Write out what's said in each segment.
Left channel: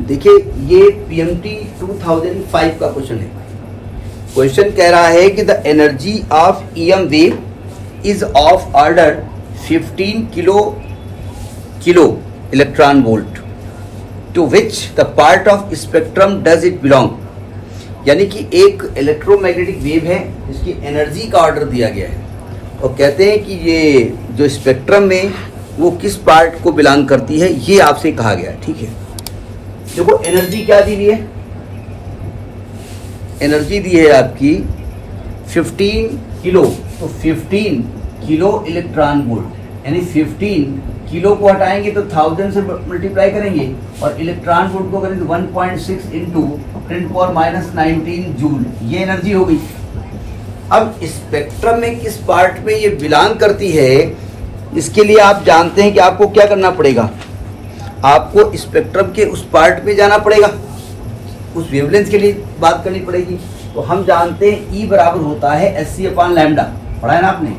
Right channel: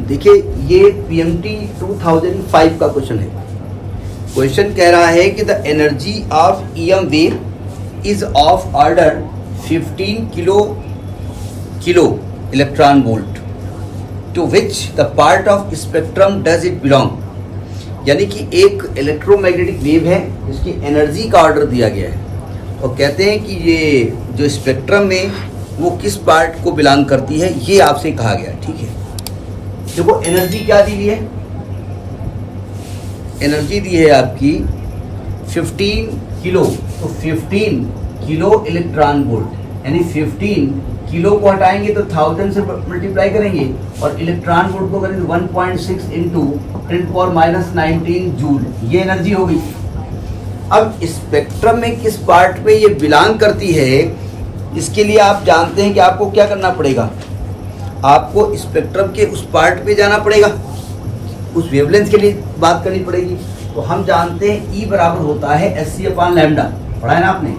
देखिए ये पीएमटी 2005 का क्वेश्चन है। क्वेश्चन कह रहा है कि the energy of EM wave is of order 15 kilo electron volt to which the part of spectrum does it belong. यानी कि एक इलेक्ट्रोमैग्नेटिक वेव है, इसकी एनर्जी का ऑर्डर दिया गया है और कहते हैं कि ये जो स्पेक्ट्रम में वो किस पार्ट को बिलोंग करती है, ये आपसे कहा गया। ठीक है, देखो एनर्जी क्या दी है, एनर्जी दी है आपकी 15 किलो, तो 15 किलो इलेक्ट्रॉन वोल्ट, यानी 15 किलो को हटाएंगे तो 1000 से मल्टीप्लाई करेंगे और इलेक्ट्रॉन वोल्ट को करेंगे 1.6 इंटू 10⁻⁹ जूल, ये एनर्जी हो गई। अब स्पेक्ट्रम में किस पार्ट में ये बिलोंग करती है, इसके लिए आप जानते हैं कि आपको क्या करना पड़ेगा, आपको स्पेक्ट्रम के उस पार्ट में जाना पड़ेगा, उस वेवलेंथ के लिए बात करनी पड़ेगी। तो हम जानते हैं E बराबर होता है SC/λ, पढ़ा है ना आपने,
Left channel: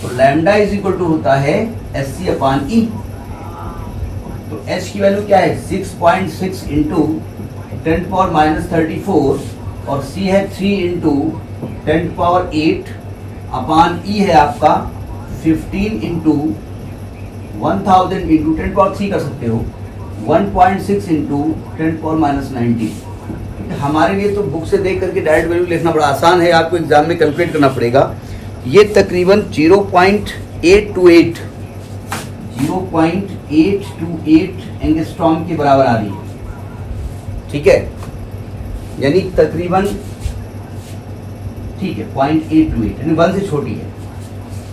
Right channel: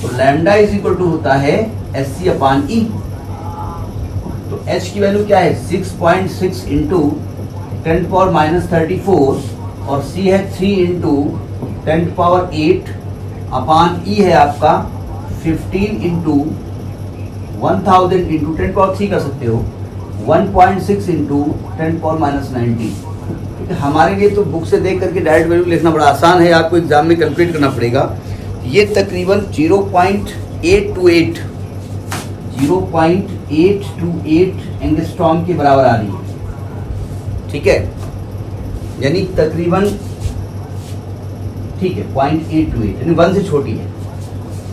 तो लैम्डा इज इक्वल टू होता है SC/E। तो H की वैल्यू क्या है 6.6 इंटू 10⁻34 और C है 3 इंटू 10⁸ अपॉन E है आपका 15 इंटू 1000 इंटू 10⁻³ कर सकते हो 1.6 इंटू 10⁻⁹। हमारे लिए तो बुक से देख करके डायरेक्ट वैल्यू लिखना बड़ा आसान है, आपको एग्जाम में कैलकुलेट करना पड़ेगा। ये तकरीबन 0.828 एंगस्ट्रॉम के बराबर आ रही है। ठीक है, यानी तकरीबन ठीक है 0.828, यानी 1 से छोटी है।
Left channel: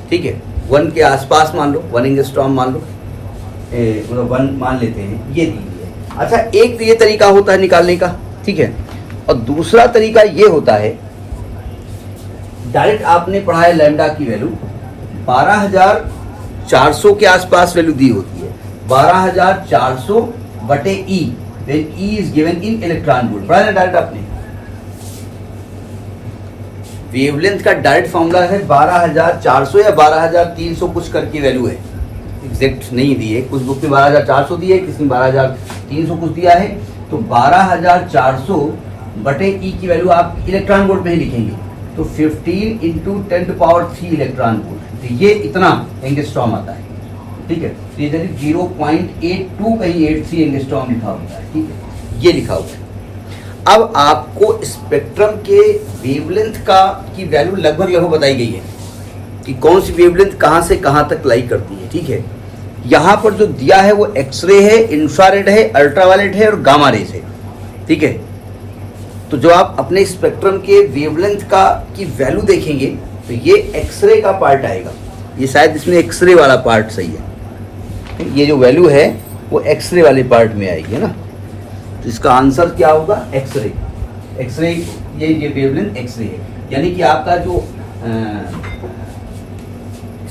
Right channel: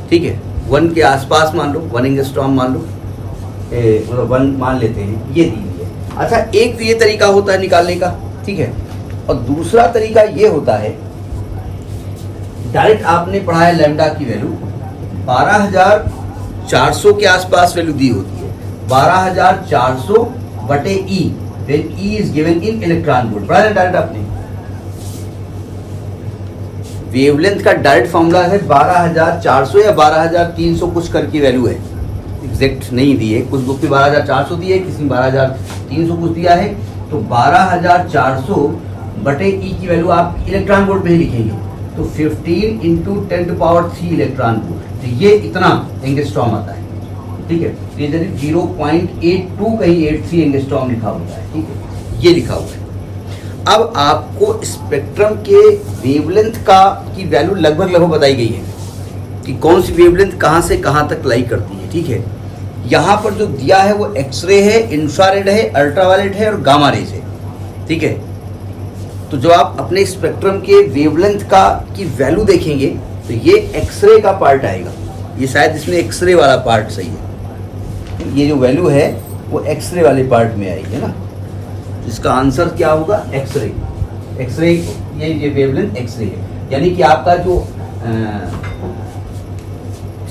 ठीक है, 1 के आसपास मान लो, 1 एंगस्ट्रॉम मान लो, मतलब 1 मान लेते हैं, ये दी है। अच्छा, एक तो ये तरीका होता है निकालने का, ठीक है, और दूसरा तरीका ये होता है डायरेक्ट आपने पढ़ा है लैम्डा की वैल्यू 12400 के आसपास वैल्यू दी होती है, 12400 बटे E, when E is given in electron volt, पढ़ा है ना डायरेक्ट आपने। वेवलेंथ का डायरेक्ट फॉर्मूला है 12400 या 12300 कुछ करके वैल्यू है, एग्जैक्ट नहीं दी है, कुछ बुक में 12400 दी है, किसी में 12300 कुछ दिया है। तो 12400 बटे E की वैल्यू आप इलेक्ट्रॉन वोल्ट में ही लिखेंगे, तो 15 इंटू 10⁻³ इलेक्ट्रॉन वोल्ट, तो ये इतना एंगस्ट्रॉम आता है। ठीक है, तो ये 0.82 कहीं 83 एंगस्ट्रॉम लिखा होता है। ठीक है, ये लिखा हुआ है। अब आपको स्पेक्ट्रम के वेवलेंथ की वैल्यू लगभग बताई गई है कि कौन सी वेवलेंथ कहाँ से कहाँ तक लाई करती है। ठीक है, यहाँ पर जो दिया है वो एक्सरे है, इंफ्रारेड है, अल्ट्रावायलेट है और गामा रेज है। ठीक है, तो जो आप अपने स्पेक्ट्रम के वेवलेंथ की वैल्यू देखेंगे तो ये एक्सरे का पार्ट आएगा, ये शायद इसमें एक्सरे वाला पार्ट सही है, ये जो वैल्यू है वो एक्सरे वाले पार्ट में आएगी ना, तो इसका आंसर क्या होगा एक्सरे। एक्सरे ये वेवलेंथ एक्सरे है, यानी कि आपका जो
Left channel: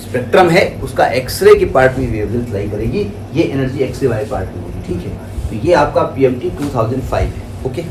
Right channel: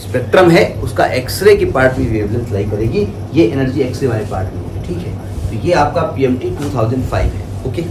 स्पेक्ट्रम है उसका एक्सरे के पार्ट में वेवलेंथ लाई करेगी, ये एनर्जी एक्सरे वाले पार्ट में होगी। ठीक है, तो ये आपका पीएमटी 2005 है। ओके।